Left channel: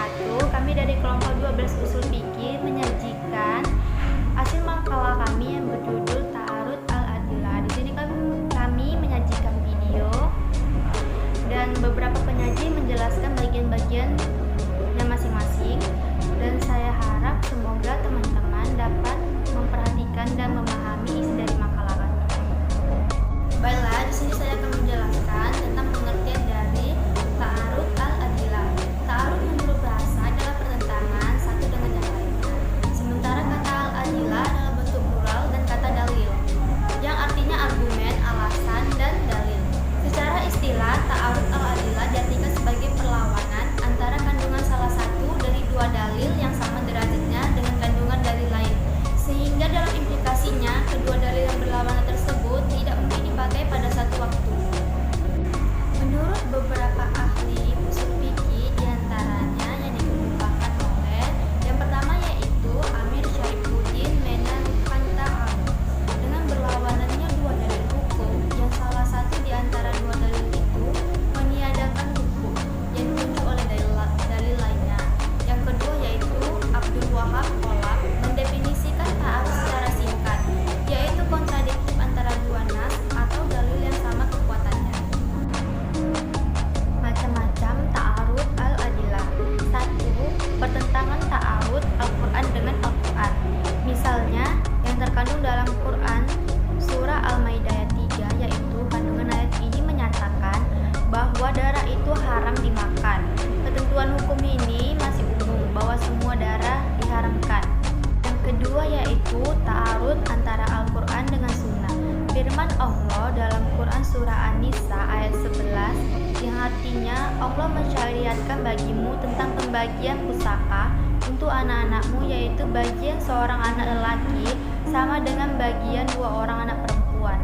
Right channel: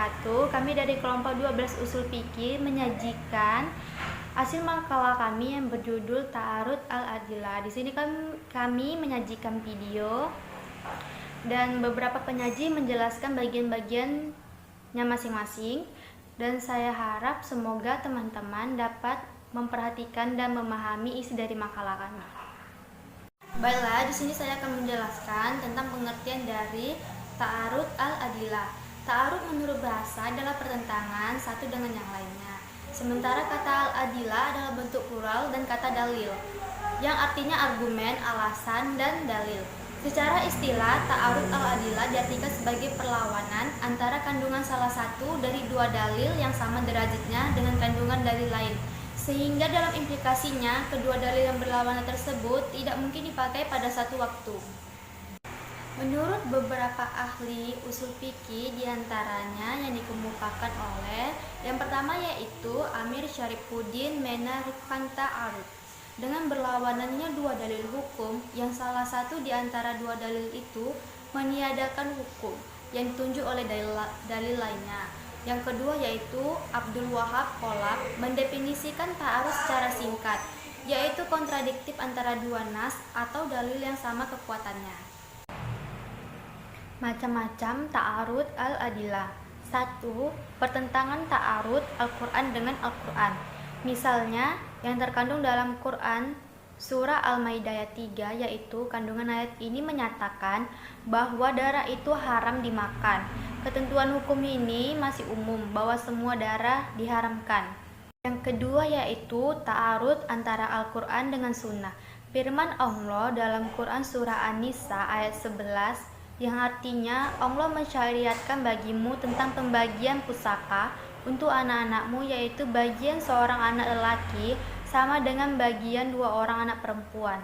wabarakatuh. Kami dari kelompok 12 Usul Fikih menyajikan hasil makalah kami yang berjudul Ta'arud Al-Adillah. Di sini kami menyajikan video dan beberapa penyaji menjelaskan bagian-bagiannya masing-masing, dan saya harap semoga teman-teman dapat memperhatikan dan memahami isi dari makalah kami. Baiklah, di sini saya akan menjelaskan tentang pengertian dari Ta'arud Al-Adillah. Ta'arud menurut bahasa adalah pertentangan satu dengan yang lainnya. Sementara kata Al-Adillah adalah bentuk plural dan kata dalil, yang artinya argumen, alasan, dan dalil. Secara istilah, Ta'arud Al-Adillah diartikan sebagai perlawanan antara kandungan salah satu dari dua dalil yang sama derajatnya dengan kandungan dalil lain, sehingga dalam implikasinya kedua dalil yang berlawanan tersebut tidak mungkin dipakai pada satu waktu. Menurut beberapa ahli usul fikih, diantaranya yang dikemukakan oleh yang pertama yaitu Amir Syarifuddin menaruhkan ta'arud dengan berlawanannya dua dalil hukum yang salah satu di antara dua dalil itu meniadakan hukum yang ditunjuk oleh dalil lainnya. Yang kedua yaitu Abdul Wahab Qolab mendefinisikan ta'arud secara singkat, yaitu kontradiktif antara dua nas atau dalil yang sama kekuatannya. Macam-macam ta'arud al-adillah. 1. Pertentangan ta'arud Al-Quran dengan Al-Quran. Misalnya, yang terkandung dalam Quran Surah Al-Maidah ayat 3, yaitu kandungan ayat ini menyatakan bahwa darah itu haram dimakan. Ketentuan hukum ini masih umum bahwa semua darah diharamkan. Yang kedua yaitu ta'arud antara Al-Quran dengan Sunnah. Firman Allah dalam Quran Surah An-Nisa ayat 11 yang artinya Allah mensyariatkan bagimu tentang pembagian pusaka untuk anak-anakmu, yaitu bagian seorang anak lelaki sama dengan bagian dua orang anak perempuan.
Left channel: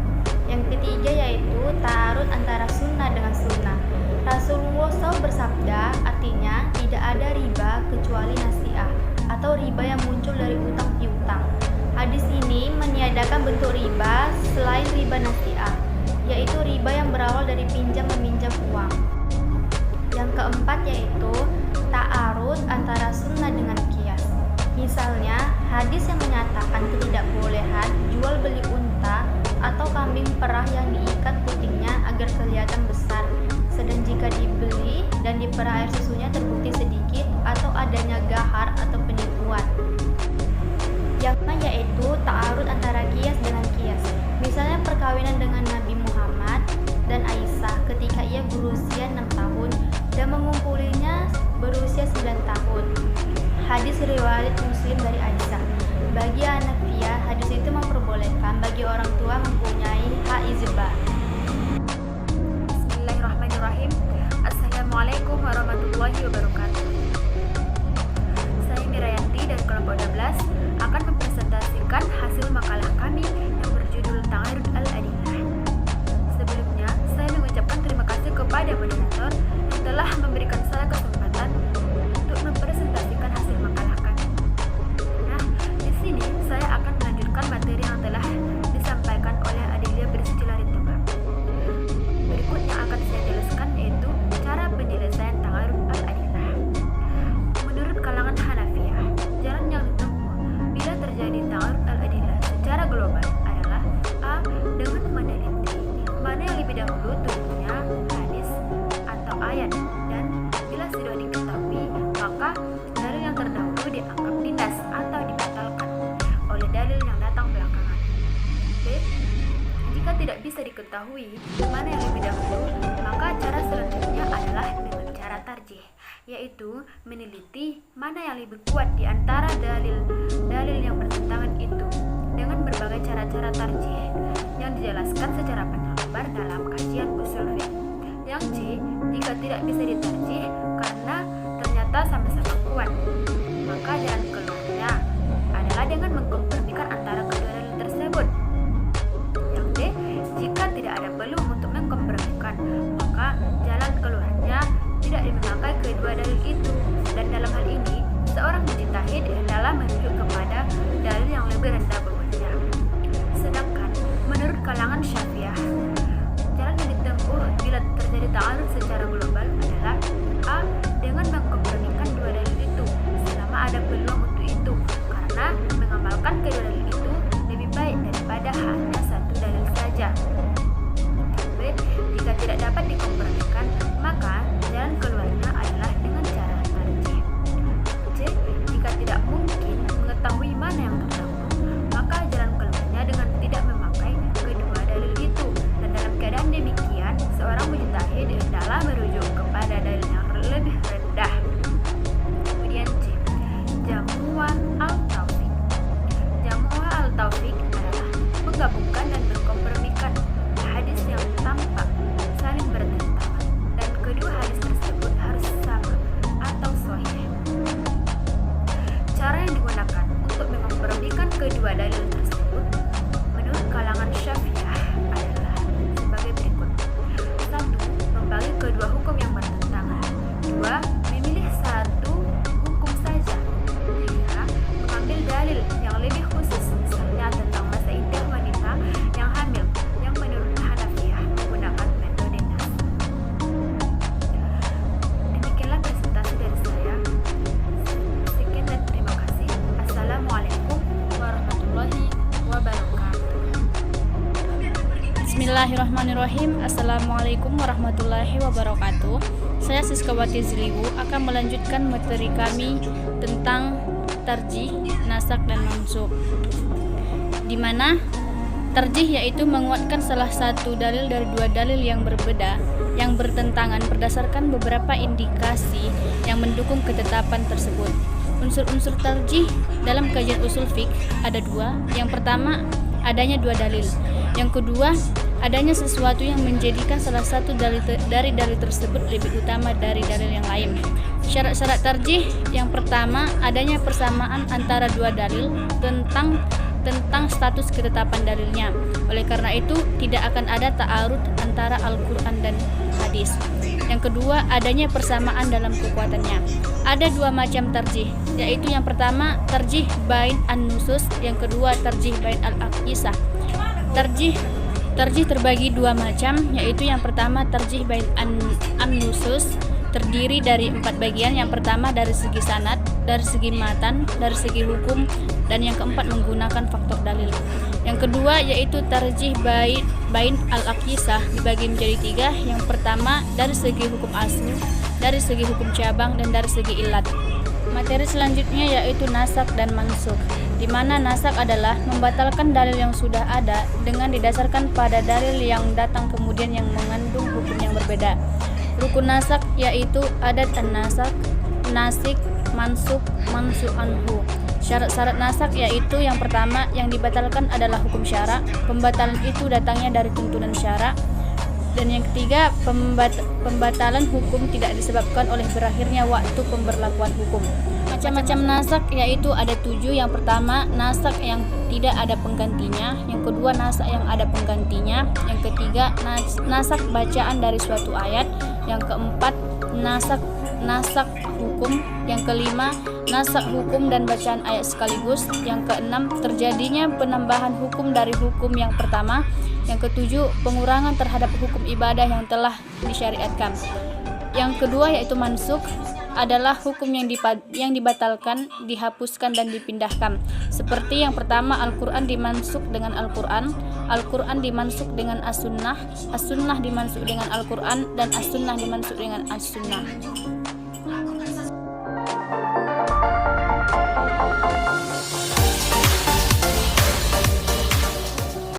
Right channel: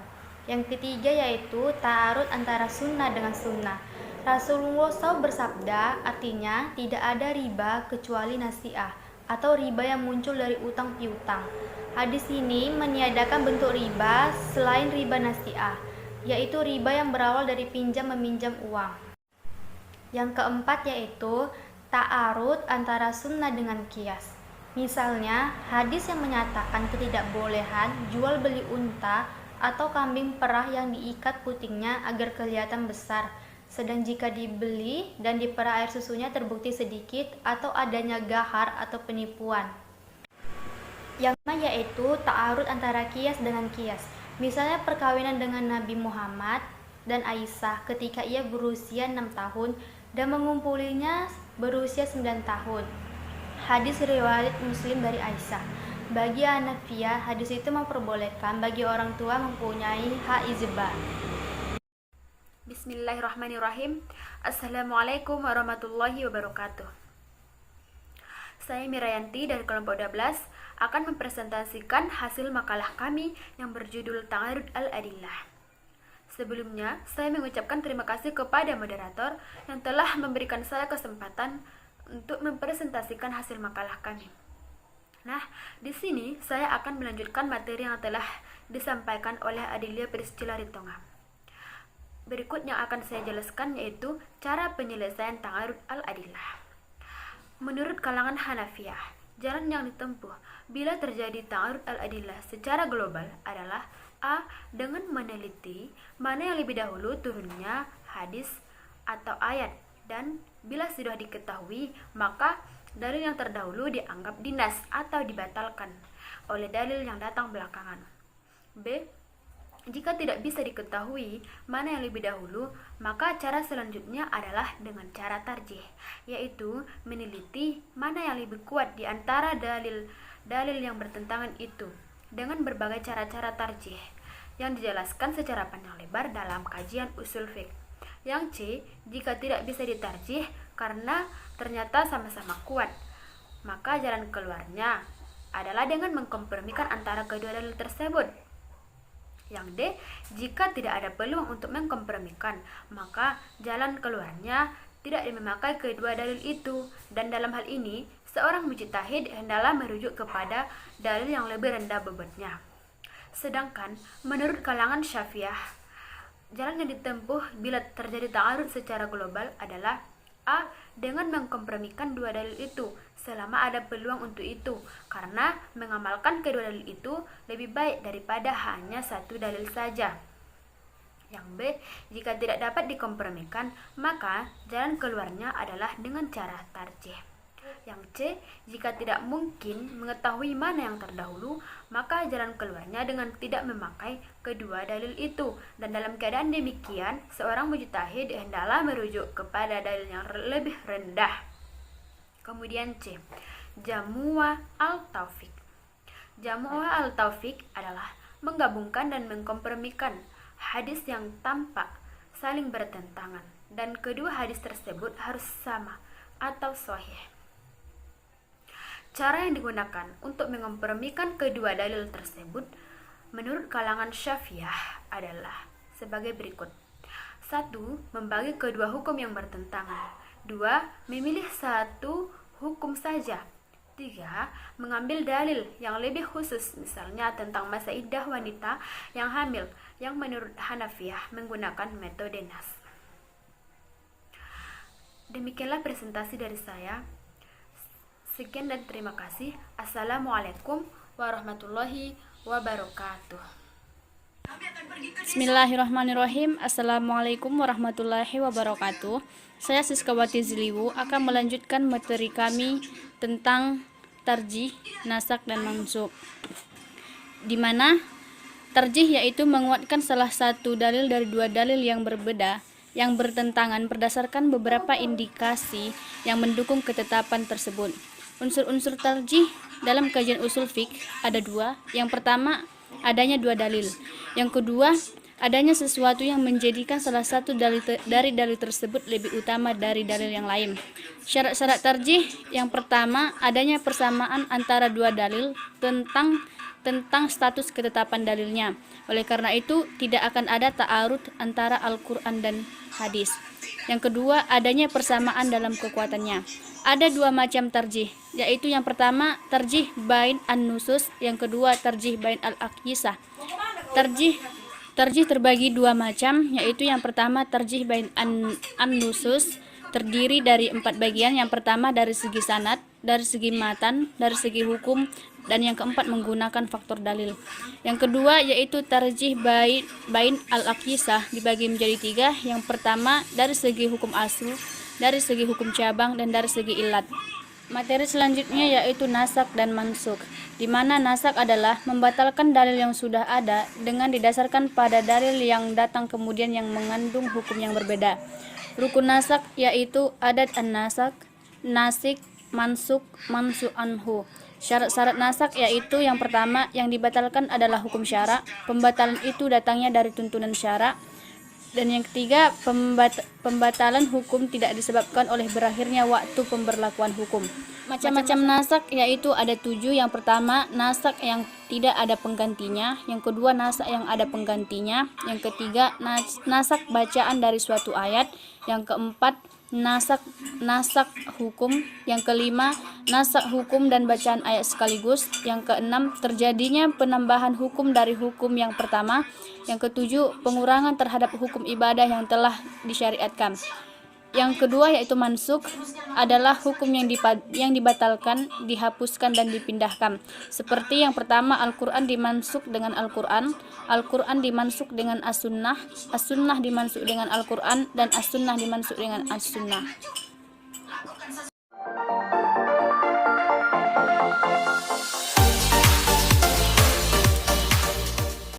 Yang ketiga yaitu ta'arud antara sunnah dengan sunnah. Rasulullah SAW bersabda, artinya tidak ada riba kecuali nasiah atau riba yang muncul dari utang piutang. Hadis ini meniadakan bentuk riba selain riba nasiah, yaitu riba yang berawal dari pinjam meminjam uang. Yang keempat yaitu ta'arud antara sunnah dengan qiyas. Misalnya, hadis yang menyatakan ketidakbolehan jual beli unta atau kambing perah yang diikat putingnya agar kelihatan besar, sedang jika dibeli dan diperah air susunya terbukti sedikit, atau adanya gahar atau penipuan. Yang kedua yaitu ta'arud antara qiyas dengan qiyas. Misalnya perkawinan dengan Nabi Muhammad dan Aisyah ketika ia berusia 6 tahun dan mengumpulinya berusia 9 tahun. Hadis riwayat Muslim dari Aisyah. Bagi Hanafiyah, hadis itu memperbolehkan bagi orang tua mempunyai hak izbah. Bismillahirrahmanirrahim. Assalamualaikum warahmatullahi wabarakatuh. Saya Mirayanti dari kelompok 12 akan mempresentasikan hasil makalah kami yang berjudul Ta'arud Al-Adillah. Sebelumnya, saya mengucapkan terima kasih kepada moderator yang telah memberikan saya kesempatan untuk mempresentasikan hasil makalah kami. Nah, di sini saya akan melanjutkan materi yang telah disampaikan oleh Adelia Priscilla-Ritonga. Berikut yang akan saya jelaskan yaitu cara penyelesaian Ta'arud Al-Adillah. Menurut kalangan Hanafiyah, jalan yang ditempuh bila terjadi Ta'arud Al-Adillah secara global adalah A. Dengan meneliti mana yang lebih dahulu turunnya hadis atau ayat, dan bila sudah diketahui maka dalil yang terdahulu dianggap dinas atau dibatalkan oleh dalil yang datang belakangan. B. Jika tidak bisa diketahui mana yang lebih dahulu, maka cara selanjutnya adalah dengan cara tarjih, yaitu meneliti mana yang lebih kuat di antara dalil yang bertentangan itu dengan berbagai cara-cara tarjih yang dijelaskan secara panjang lebar dalam kajian usul fiqh. Yang C, jika tidak bisa ditarjih karena ternyata sama-sama kuat, maka jalan keluarnya adalah dengan mengkompromikan antara kedua dalil tersebut. Yang D, jika tidak ada peluang untuk mengkompromikan, maka jalan keluarnya tidak memakai kedua dalil itu, dan dalam hal ini seorang mujtahid hendaklah merujuk kepada dalil yang lebih rendah bobotnya. Sedangkan menurut kalangan Syafi'iyah, Jalan yang ditempuh bila terjadi ta'arud secara global adalah A. Dengan mengkompromikan dua dalil itu selama ada peluang untuk itu, karena mengamalkan kedua dalil itu lebih baik daripada hanya satu dalil saja. B. Jika tidak dapat dikompromikan, maka jalan keluarnya adalah dengan cara tarjih. C. Jika tidak mungkin mengetahui mana yang terdahulu, maka jalan keluarnya dengan tidak memakai kedua dalil itu, dan dalam keadaan demikian seorang mujtahid hendaklah merujuk kepada dalil yang lebih rendah. Kemudian C. Jamu'ah al-taufiq. Jamu'ah al-taufiq adalah menggabungkan dan mengkompromikan hadis yang tampak saling bertentangan dan kedua hadis tersebut harus sama atau sahih. Cara yang digunakan untuk mengkompromikan kedua dalil tersebut menurut kalangan Syafi'iyah adalah sebagai berikut. 1. Membagi kedua hukum yang bertentangan. 2. Memilih satu hukum saja. 3. Mengambil dalil yang lebih khusus, misalnya tentang masa iddah wanita yang hamil, yang menurut Hanafiyah menggunakan metode nas. Demikianlah presentasi dari saya. Sekian dan terima kasih. Assalamualaikum warahmatullahi wabarakatuh. Bismillahirrahmanirrahim. Assalamualaikum warahmatullahi wabarakatuh. Saya Siskawati Ziliwu akan melanjutkan materi kami tentang tarjih, nasak, dan mansukh. Di mana tarjih yaitu menguatkan salah satu dalil dari dua dalil yang berbeda yang bertentangan berdasarkan beberapa indikasi yang mendukung ketetapan tersebut. Unsur-unsur tarjih dalam kajian usul fiqh ada dua. Yang pertama, adanya dua dalil. Yang kedua, adanya sesuatu yang menjadikan salah satu dari dalil tersebut lebih utama dari dalil yang lain. Syarat-syarat tarjih yang pertama, adanya persamaan antara dua dalil tentang status ketetapan dalilnya. Oleh karena itu, tidak akan ada ta'arud antara Al-Quran dan hadis. Yang kedua, adanya persamaan dalam kekuatannya. Ada dua macam tarjih, yaitu yang pertama tarjih bain an-nusus, yang kedua tarjih bain al-aqyisah. Tarjih terbagi dua macam, yaitu yang pertama tarjih bain an-nusus, terdiri dari 4 bagian. Yang pertama dari segi sanad, dari segi matan, dari segi hukum, dan yang keempat menggunakan faktor dalil. Yang kedua yaitu tarjih bain al-aqyisah, dibagi menjadi 3. Yang pertama dari segi hukum asli, dari segi hukum cabang, dan dari segi ilat. Materi selanjutnya yaitu nasak dan mansukh, di mana nasak adalah membatalkan dalil yang sudah ada dengan didasarkan pada dalil yang datang kemudian yang mengandung hukum yang berbeda. Rukun nasak yaitu adat an-nasak, nasik, mansukh, mansukh anhu. Syarat-syarat nasak yaitu yang pertama, yang dibatalkan adalah hukum syara. Pembatalan itu datangnya dari tuntunan syara. Dan yang ketiga, pembatalan hukum tidak disebabkan oleh berakhirnya waktu pemberlakuan hukum. Macam-macam nasak yaitu ada 7. Yang pertama, nasak yang tidak ada penggantinya. Yang kedua, nasak yang ada penggantinya. Yang ketiga, nasak bacaan dari suatu ayat. Yang keempat, nasak hukum. Yang kelima, nasak hukum dan bacaan ayat sekaligus. Yang keenam, terjadinya penambahan hukum dari hukum yang pertama. Yang ketujuh, pengurangan terhadap hukum ibadah yang telah disyariatkan. Yang kedua yaitu mansukh, adalah hukum yang dibatalkan, dihapuskan, dan dipindahkan. Seperti yang pertama, Al-Quran dimansukh dengan Al-Quran, Al-Quran dimansukh dengan As-Sunnah, As-Sunnah dimansukh dengan Al-Quran, dan As-Sunnah dimansukh dengan As-Sunnah.